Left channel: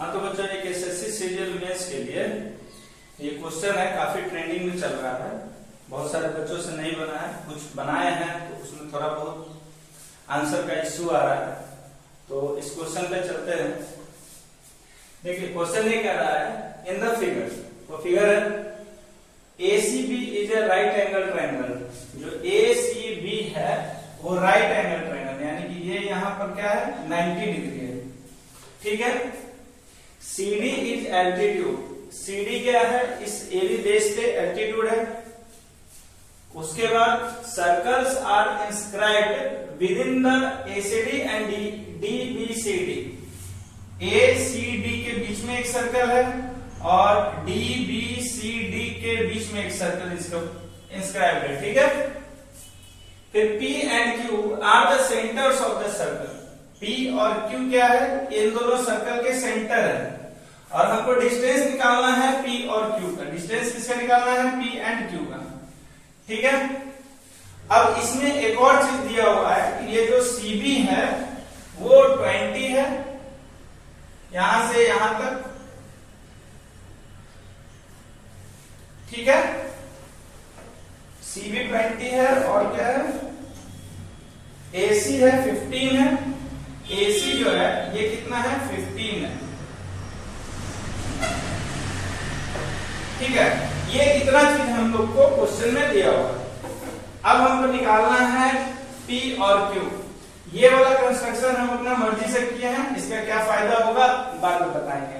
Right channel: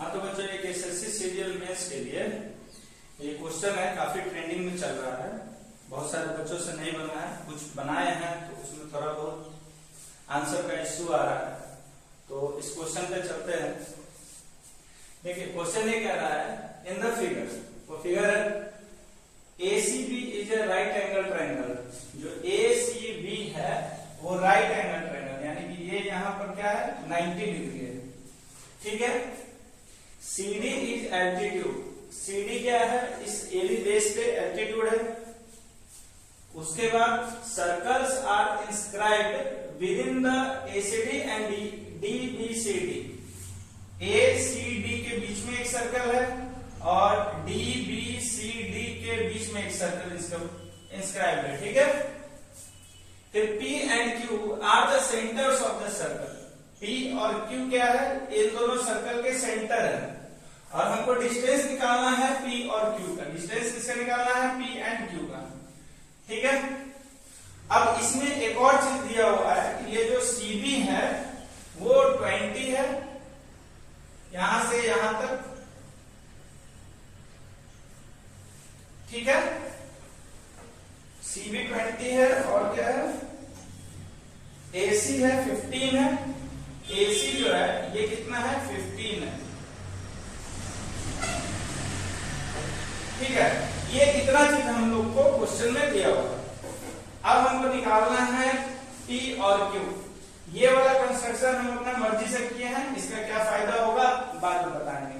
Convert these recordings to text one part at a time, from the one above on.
हाँ तो बच्चों एक एसएससी सीरियल मेंस के लिए ये क्वेश्चन है, काफी ट्रेंडिंग में चल रहा है। बहुत सारे बच्चों से नहीं बना है, कुछ बनाए हैं तो उसमें थोड़ा बहुत आंसर का इश्यू आ रहा है। तो इस क्वेश्चन पे चलते हैं। देखिए क्वेश्चन ये कह रहा है, इन द फिगर, वो फिगर है ACB is a right angle triangle. जो ACB है वो राइट एंगल ट्रायंगल, यानी कि ये यहाँ पर क्या है 90 डिग्री है, ठीक है। CD इज एल्टीट्यूड, CD क्या है, इस AB बेस पे एल्टीट्यूड है। उसके बाद circles are inscribed within the ACD and DBCD। ACD के बीच में एक सर्कल है और DBCD के बीच में एक सर्कल इसका इंस्क्राइब्ड है, ठीक है। फिर P and Q are the centres of the circle. P और Q क्या है, इन दोनों सर्कल के सेंटर है। और हमको डिस्टेंस निकालना है P और Q का। डिस्टेंस किसका निकालना है, P एंड Q का, ठीक है। अब इसमें एक और चीज दिया हुआ है कि ये जो CB है वो 20 है, यहां से यहां तक, ठीक है। CB 20 है और क्या है, AC है 15 है। AC जो है ये कितना है, 15 है, ठीक है। ये इतना चीज हम लोग को क्वेश्चन में दिया हुआ है। अब हमको निकालना है P और Q। ये वाला कंस्ट्रक्शन हम अपना मर्जी से किए हैं, इसका क्या फायदा होगा बाद में बताएंगे।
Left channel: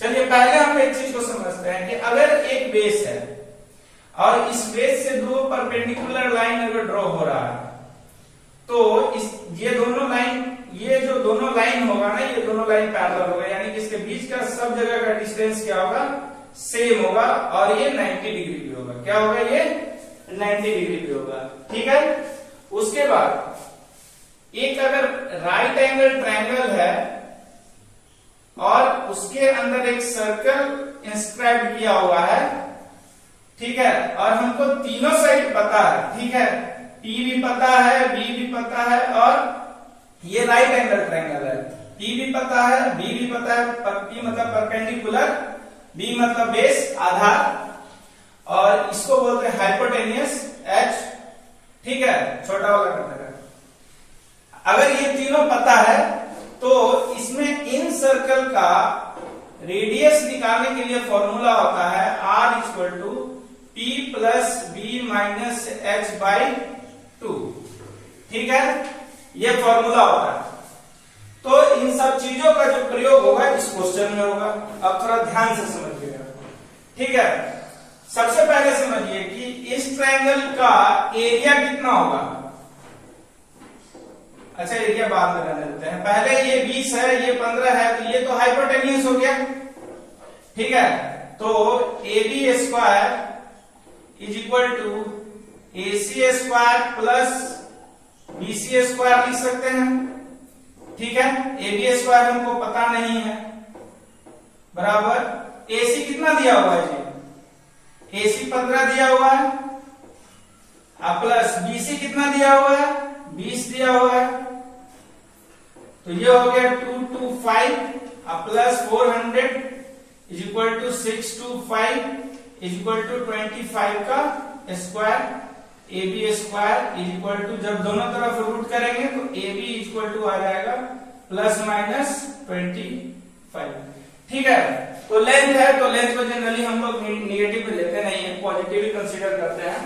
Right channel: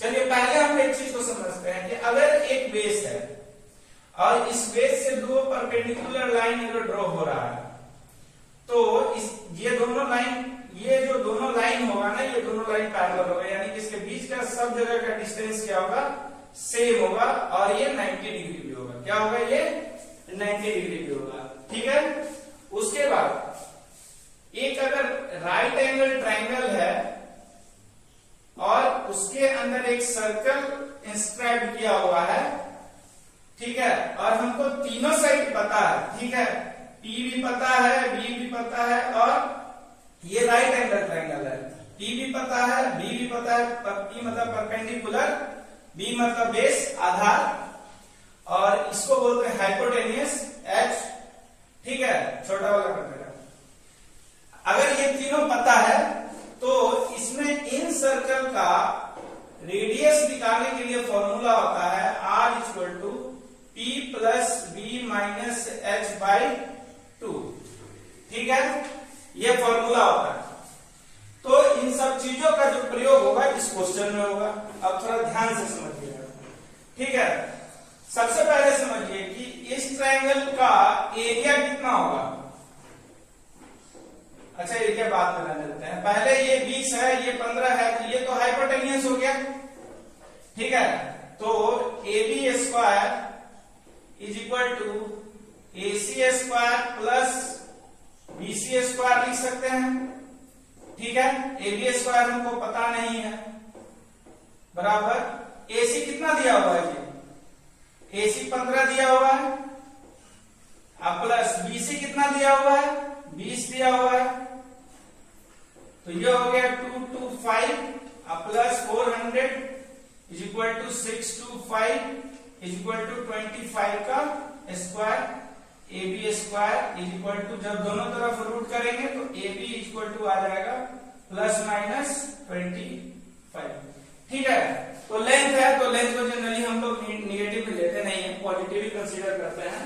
चलिए पहले हम एक चीज को समझते हैं कि अगर एक बेस है और इस बेस से दो परपेंडिकुलर लाइन अगर ड्रॉ हो रहा है तो ये दोनों लाइन, ये जो दोनों लाइन होगा ना, ये दोनों लाइन पैरेलल होगा, यानी कि इसके बीच का सब जगह का डिस्टेंस क्या होगा, सेम होगा। और ये 90 डिग्री भी होगा। क्या होगा, ये 90 डिग्री भी होगा, ठीक है। उसके बाद एक अगर राइट एंगल ट्रायंगल है और उसके अंदर एक सर्कल इंस्क्राइब किया हुआ है, ठीक है, और हमको तीनों साइड पता है, ठीक है। P भी पता है, B भी पता है और ये राइट एंगल ट्रायंगल है। P भी पता है, B भी पता है। P मतलब परपेंडिकुलर, B मतलब बेस आधार, और इसको बोलते हैं हाइपोटेनियस H, ठीक है, छोटा वाला कटर है। अगर ये तीनों पता है तो इसमें इन सर्कल का रेडियस निकालने के लिए फॉर्मूला होता है R equal to P plus B minus H/2, ठीक है। ये फॉर्मूला होता है। तो इन सब चीजों का जो प्रयोग होगा इस क्वेश्चन में होगा। अब थोड़ा ध्यान से समझिएगा, ठीक है। सबसे पहले समझिए कि इस ट्रायंगल का एरिया कितना होगा। अच्छा एरिया बाद में कर लेते हैं, पहले ये 20 है, ये 15 है, तो ये तो हाइपोटेनियस हो गया, ठीक है। तो AB square is equal to AC square plus BC square लिख सकते हैं, ठीक है। AB स्क्वायर हमको पता नहीं है, बराबर AC कितना दिया हुआ है जी, AC 15 दिया हुआ है, प्लस BC कितना दिया हुआ है, 20 दिया हुआ है। तो ये हो गया 225 plus 400 is equal to 625 is equal to 25 का square. AB square is equal to, जब दोनों तरफ रूट करेंगे तो AB इक्वल टू आ जाएगा प्लस माइनस 25, ठीक है। तो लेंथ है, तो लेंथ को जनरली हम लोग निगेटिव लेते नहीं है, पॉजिटिव ही कंसीडर करते हैं।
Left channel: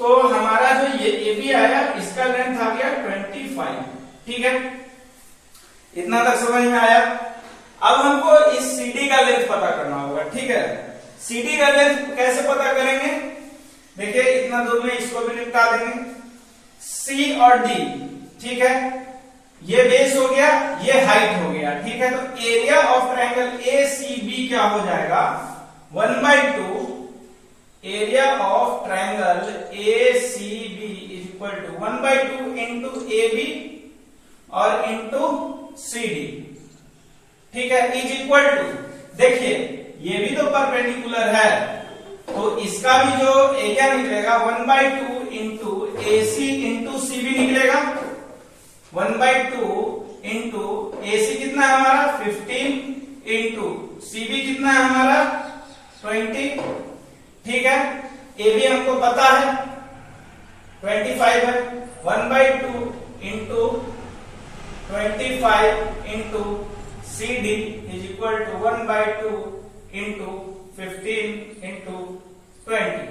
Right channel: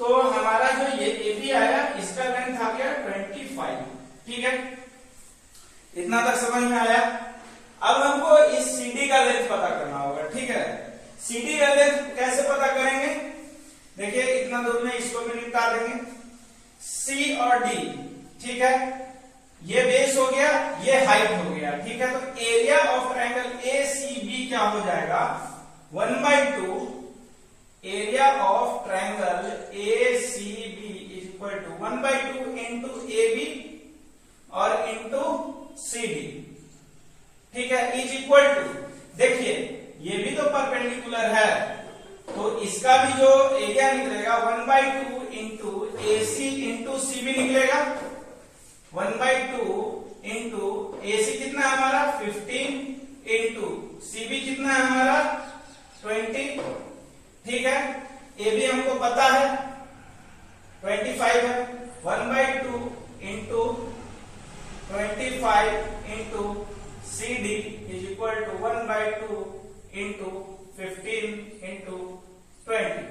तो हमारा जो ये AB आया, इसका लेंथ आ गया 25, ठीक है। इतना तक समझ में आया। अब हमको इस CD का लेंथ पता करना होगा, ठीक है। CD का लेंथ कैसे पता करेंगे, देखिए इतना दूर में इसको भी निपटा देंगे। C और D, ठीक है, ये बेस हो गया, ये हाइट हो गया, ठीक है। तो एरिया ऑफ ट्रायंगल ACB क्या हो जाएगा, 1/2 area of triangle ACB is equal to 1/2 into AB और इंटू CD, ठीक है, इज इक्वल टू, देखिए ये भी तो परपेंडिकुलर है, तो इसका भी जो एरिया निकलेगा 1/2 इंटू AC इंटू CB निकलेगा। 1/2 इंटू AC कितना है हमारा 15 इंटू ठीक है, ए बी हमको पता है 25 है, 1/2 into 25 into C D is equal to 1/2 into 15 into 20।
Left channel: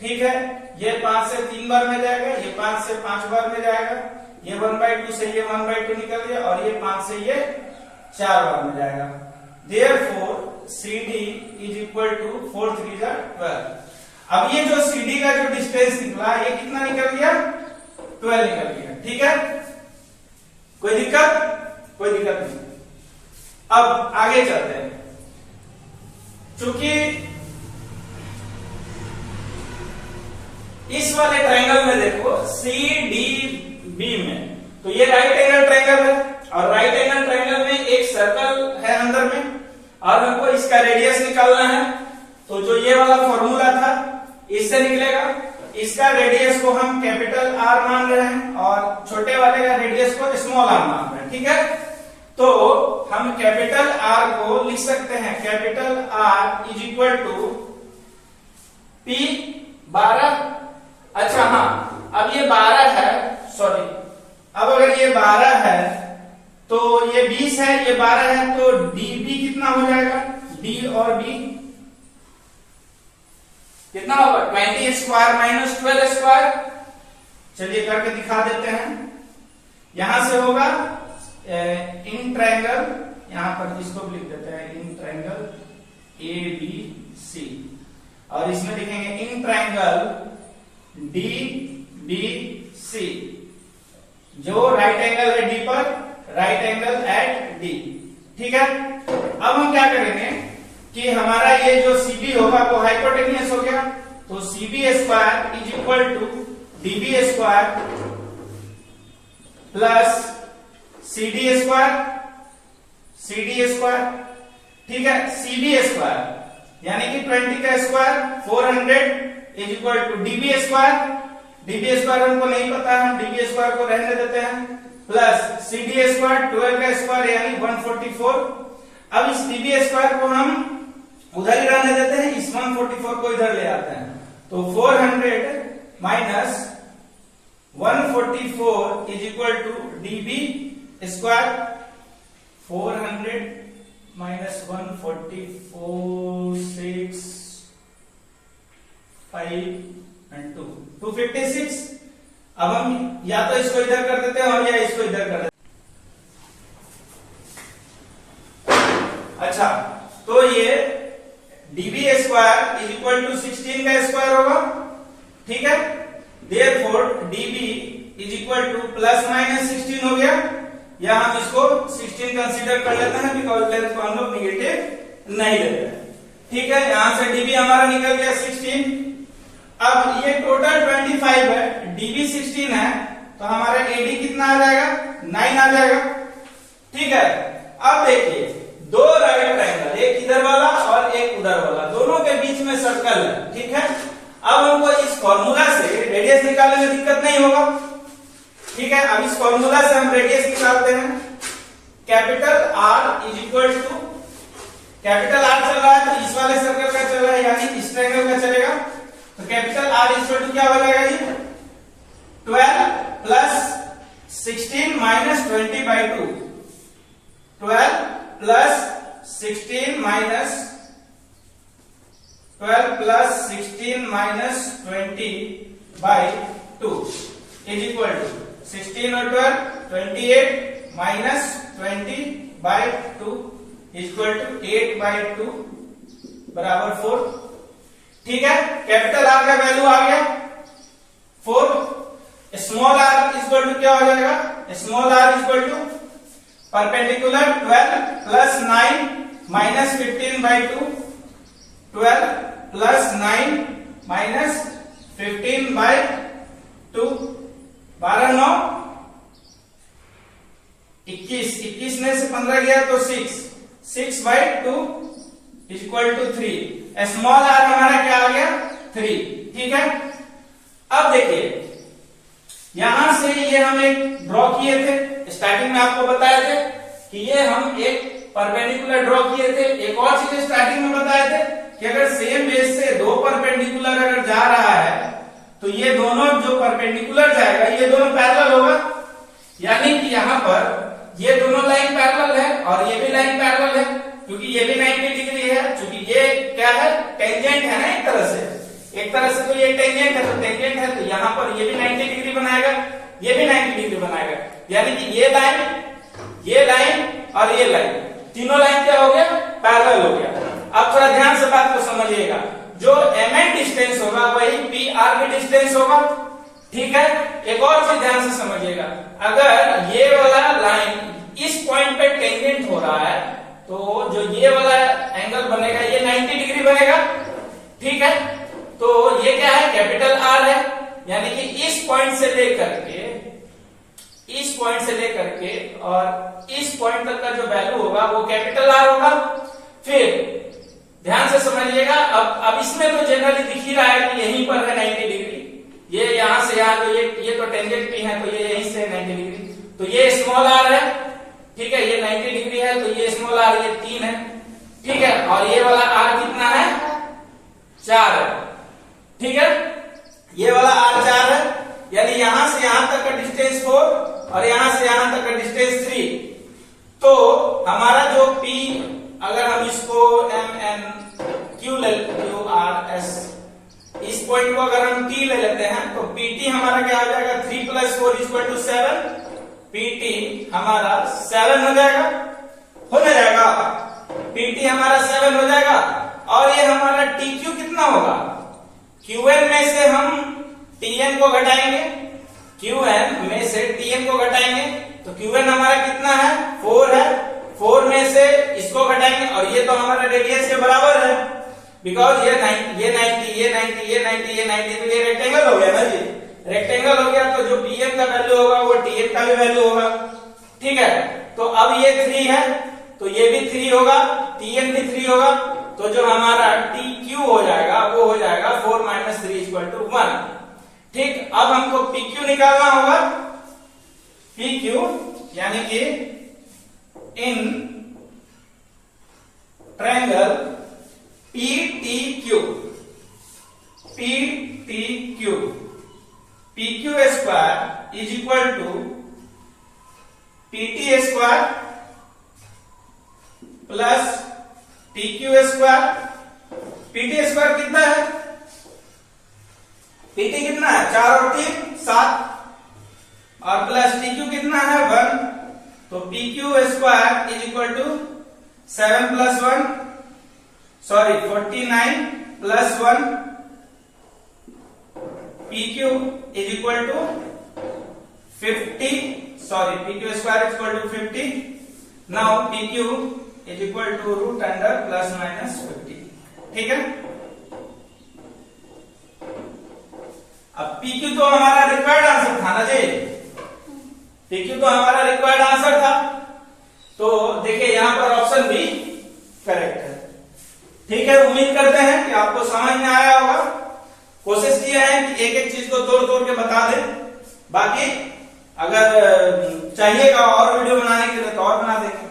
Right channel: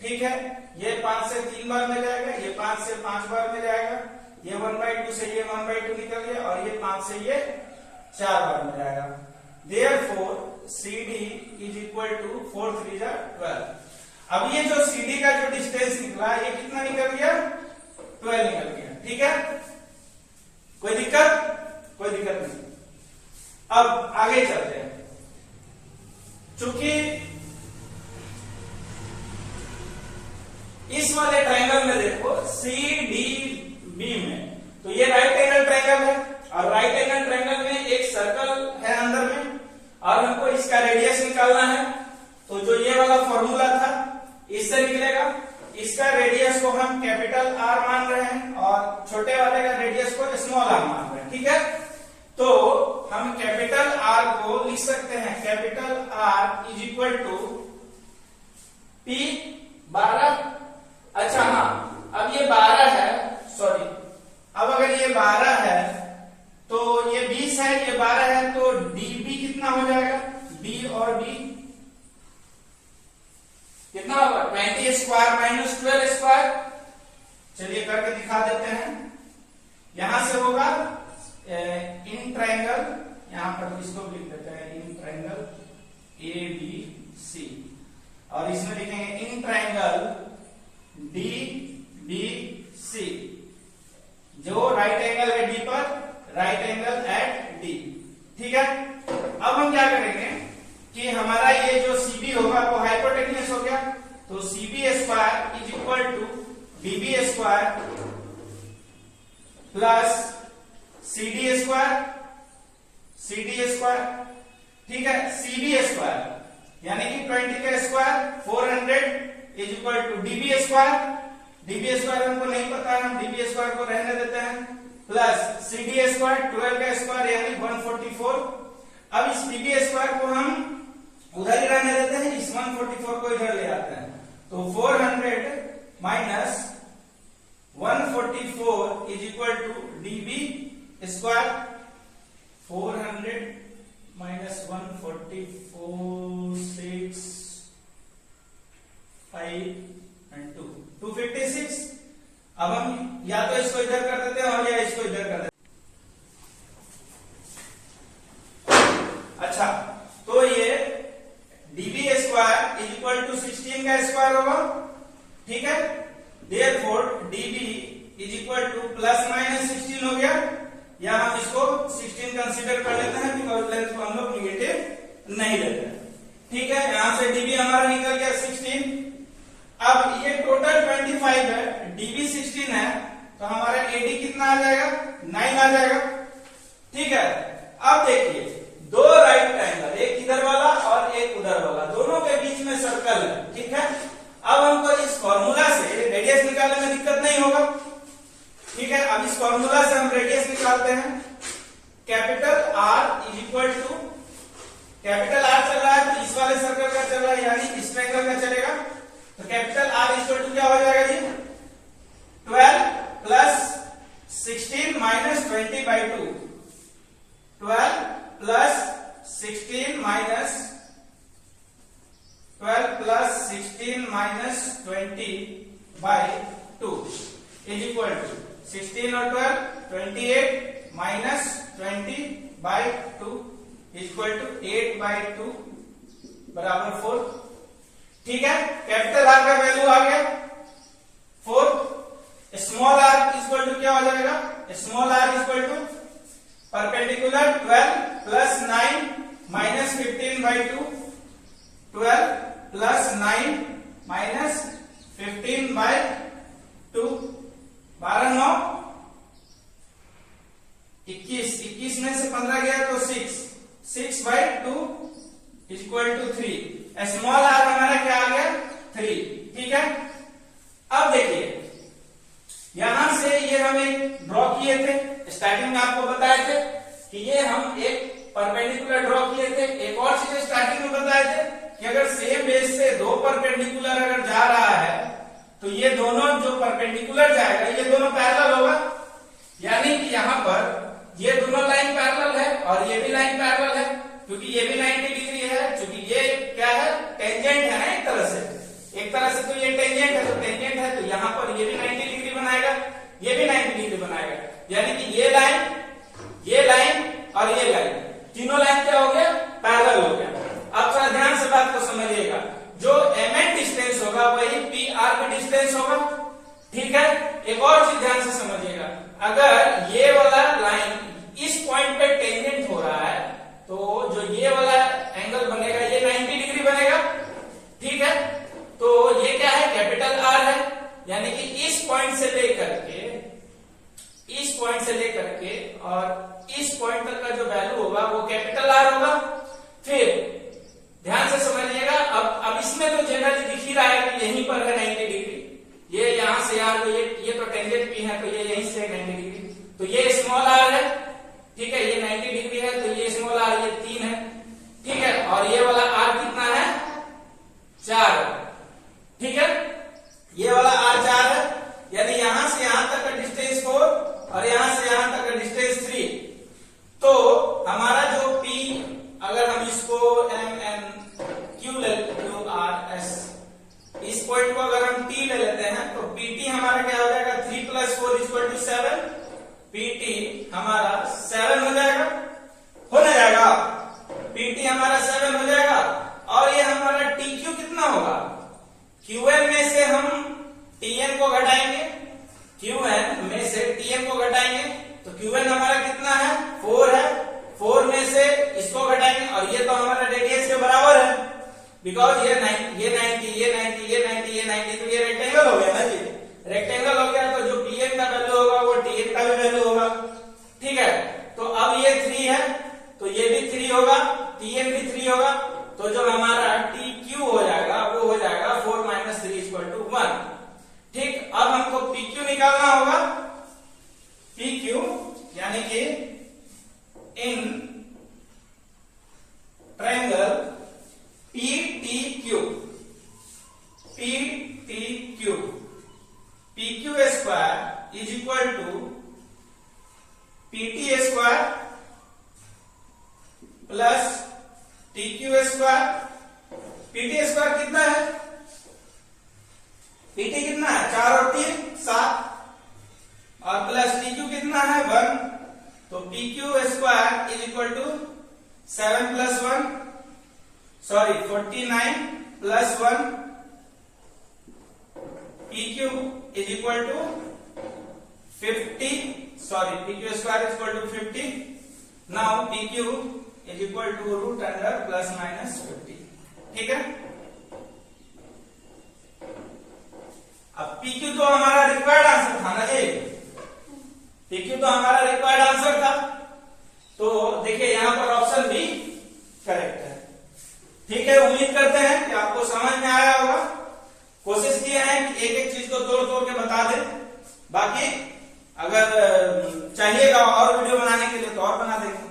ठीक है, ये 5 से 3 बार में जाएगा, ये 5 से 5 बार में जाएगा, ये 1/2 से ये 1/2 निकल गया और ये 5 से ये 4 बार में जाएगा। Therefore CD is equal to 4 3 12। अब ये जो CD का जो डिस्टेंस निकला ये कितना निकल गया? 12 निकल गया। ठीक है, कोई दिक्कत? कोई दिक्कत नहीं। अब आगे चलते हैं। चूंकि इस वाले ट्रायंगल में देखो CDB में, तो ये राइट एंगल ट्रायंगल है और राइट एंगल ट्रायंगल में एक सर्कल है अंदर में और हमको इसका रेडियस निकालना है। तो जो ये वाला फॉर्मूला था इससे निकलेगा, इसका रेडियस को हम कैपिटल R मान रहे हैं और छोटे वाले का रेडियस को स्मॉल r मान रहे हैं। ठीक है, तो हम कैपिटल R को लिख सकते हैं, capital R is equal to P12। अच्छा हाँ, अब ये 12 है, सॉरी, अब अगर ये 12 है तो ये 20 है, ये 12 है, तो dB कितना हो जाएगा? D और B कितना होगा? 20 स्क्वायर माइनस 12 स्क्वायर। चलिए करके दिखा देते हैं। यहां से होगा इन ट्रायंगल, यहां पर इसको लिख देते हैं इन ट्रायंगल ABC और इसमें लिखेंगे इन ट्रायंगल DBC। जो राइट एंगल है D पर, राइट एंगल एट D। ठीक है, अब हम क्या करेंगे कि हमारा ये जो CB होगा वो हाइपोटेन्यूस हो गया, तो CB square is equal to DB square plus CD square, CD square. ठीक है, CB स्क्वायर यानी कि 20 का square 400 is equal to DB square. DB square हमको नहीं पता है, हम DB स्क्वायर को रहने देते हैं, प्लस CD स्क्वायर 12 का स्क्वायर यानी 144। अब इस DB स्क्वायर को हम उधर ही रहने देते हैं, इस 144 को इधर ले आते हैं, तो 400 minus 144 is equal to DB square. 400 minus 144 6 5 and 2 256। अब हम या तो इसको इधर कर देते हैं और या इसको इधर कर देते हैं। अच्छा, तो ये DB square is equal to 16 का स्क्वायर होगा। ठीक है, therefore DB is equal to plus minus 16 हो गया, या हम इसको 16 कंसीडर कर लेते हैं बिकॉज लेंथ को हम लोग निगेटिव नहीं लेते हैं। ठीक है, यहां से DB हमारा निकल गया 16। अब ये टोटल 25 है, DB 16 है, तो हमारा AD कितना आ जाएगा? 9 आ जाएगा। ठीक है, अब देखिए दो राइट ट्रायंगल, एक इधर वाला और एक उधर वाला, दोनों के बीच में सर्कल है। ठीक है, अब हमको इस फॉर्मूला से रेडियस निकालने में दिक्कत नहीं होगा। ठीक है, अब इस फॉर्मूला से हम रेडियस निकालते हैं। Capital R is equal to, capital R चल रहा है तो इस वाले सर्कल का चल रहा है यानी इस ट्रायंगल का चलेगा, तो capital R is equal to क्या हो जाएगा जी? 12 plus 16 minus 20/2। 12 plus 16 minus 12 plus 16 minus 20/2 is equal to 16 और 12 28 माइनस 20/2 इक्वल टू 8/2 बराबर 4। ठीक है, कैपिटल R का वैल्यू आ गया 4। स्मॉल r इक्वल टू क्या हो जाएगा? Small r equal to perpendicular 12 plus 9 minus 15/2, 12 plus 9 minus 15/2, 12 9 21, 21 में से 15 गया तो 6/2 इक्वल टू 3। स्मॉल r हमारा क्या आ गया? 3। ठीक है, अब देखिए यहां से ये हम एक ड्रॉ किए थे, स्टार्टिंग में आपको बताए थे कि ये हम एक परपेंडिकुलर ड्रॉ किए थे। एक और चीज स्टार्टिंग में बताए थे कि अगर सेम बेस से दो परपेंडिकुलर अगर जा रहा है तो ये दोनों जो परपेंडिकुलर जाएगा ये दोनों पैरेलल होगा, यानी कि यहाँ पर ये दोनों लाइन पैरेलल है और ये भी लाइन पैरेलल है, क्योंकि ये भी 90 डिग्री है, क्योंकि ये क्या है, टेंजेंट है ना एक तरह से तो ये टेंजेंट है, तो टेंजेंट है तो यहाँ पर ये भी 90 डिग्री बनाएगा, ये भी 90 डिग्री बनाएगा, यानी कि ये लाइन और ये लाइन तीनों लाइन क्या हो गया, पैरेलल हो गया। अब थोड़ा ध्यान से बात को समझिएगा, जो mn डिस्टेंस होगा वही pr की डिस्टेंस होगा, ठीक है। एक और चीज ध्यान से समझिएगा, अगर ये वाला लाइन इस पॉइंट पे टेंजेंट हो रहा है तो जो ये वाला एंगल बनेगा ये 90 डिग्री बनेगा, ठीक है। तो ये क्या है, कैपिटल R है, यानी कि इस पॉइंट से लेकर के और इस पॉइंट तक का जो वैल्यू होगा वो कैपिटल R होगा। फिर ध्यान से समझिएगा, अब इसमें तो जनरली दिख ही रहा है कि यहीं पर है 90 डिग्री, ये यहां से यहाँ तो ये तो टेंजेंट P है तो ये यहीं से 90 डिग्री, तो ये स्मॉल r है, ठीक है, ये 90 डिग्री है तो ये स्मॉल r ये 3 है, ठीक है, और ये वाला r कितना है, 4 है, ठीक है, ये वाला r 4 है, यानी यहां से यहां तक का डिस्टेंस 4 और यहां से यहां तक का डिस्टेंस 3। तो हमारा जो P, अगर हम इसको MN Q R S, इस पॉइंट को अगर हम T ले लेते हैं तो PT हमारा क्या हो जाएगा, 3 + 4 = 7, PT हमारा 7 हो जाएगा, PT हमारा 7 हो जाएगा। और ये हमारा TQ कितना होगा, QN में से हम TN को घटाएंगे, QN में से TN को घटाएंगे तो QN हमारा कितना है, 4 है, 4 में से इसको घटाएंगे और ये तो हमारा रेडियस के बराबर है, बिकॉज ये 90 तो ये रेक्टेंगल हो गया ना, ये रेक्टेंगल हो गया तो जो TN का वैल्यू होगा वो TN का भी वैल्यू होगा, ठीक है। तो अब ये 3 है तो ये भी 3 होगा, TN भी 3 होगा, तो जो हमारा TQ हो जाएगा वो हो जाएगा 4 - 3 = 1, ठीक। अब हमको PQ निकालना होगा, PQ यानी कि in triangle PTQ, PQ square is equal to PT square plus TQ square. PT square कितना है, PT कितना है, 4 और 3 7, और प्लस TQ कितना है, 1, तो PQ square is equal to 7 + 1 sorry 49 + 1, PQ is equal to 50 sorry PQ square is equal to 50, now PQ is equal to √under ±50, ठीक है। अब PQ तो हमारा रिक्वायर्ड आंसर था ना जी, PQ तो हमारा रिक्वायर्ड आंसर था, तो देखिए यहां पर ऑप्शन भी करेक्ट है, ठीक है। उम्मीद करते हैं कि आपको समझ में आया होगा, कोशिश किए हैं कि एक एक चीज को तोड़ के बता दें, बाकी अगर चाहिएगा और वीडियो बनाने के लिए तो और बना देंगे।